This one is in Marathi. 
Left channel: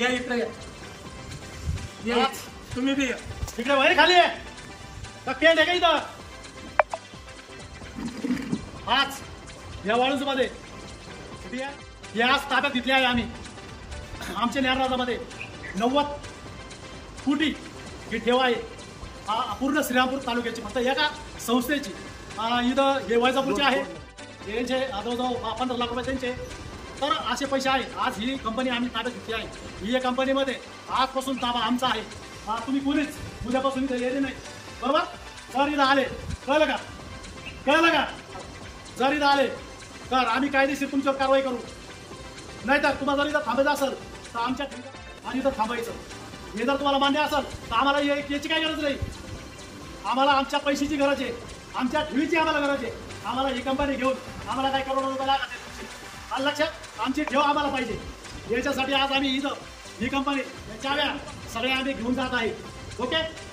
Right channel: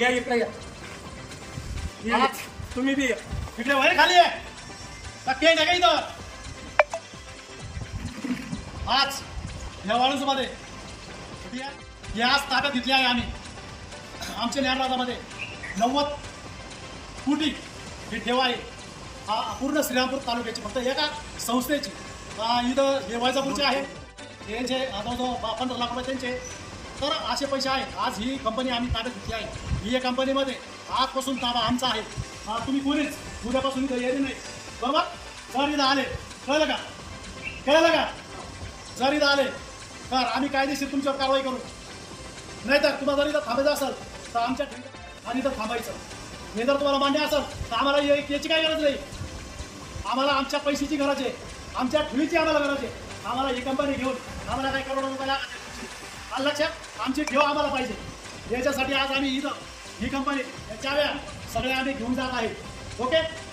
या इकडे या तुम्ही बी इकडे वय खाली आहे पेंट आहे का इथं आज या वाळूस मध्ये आज ताब्यात घेतली आहे आम्ही आमच्या न्यायराजामध्ये 90 कोटी ही ठेवा आहे पूर्ण श्रीरामपूर तालुक्याची फक्त एका संस्थेची इथं हे वैजापूरचे आहे यांचे जवळजवळ 15 लाख रुपये त्यांचे तर असे पैसे आहे आज ही कंपनी आम्ही ताब्यात घेतली आहे ही या कंपनीमध्ये आजपासून ताबा आमचा आहे तुम्ही कोणीच उद्यापासून इथं येते नाही बरोबर जर इथं आले कळलं का जर इथं आले तर आम्ही कायदेशीर तुमच्यावर कारवाई करू नाहीतर तुम्हाला जर इथं थांबायचं असेल तर आमच्या आणि इथं थांबायचं हे जर तुम्हाला मान्य असेल तर आम्हाला याची काही गरज नाही आम्हाला आमच्या पैशाची गरज आहे आमच्या ठेवीची आम्हाला गरज आहे आम्हाला ही कंपनी घेऊन आम्हाला काय करोडो रुपयाला लक्षात आमची ठेव आम्हाला पाहिजे याच्यासाठी आज आम्ही इथं ही कंपनी चाव्या सगळ्या आम्ही घेऊन जात आहे ओके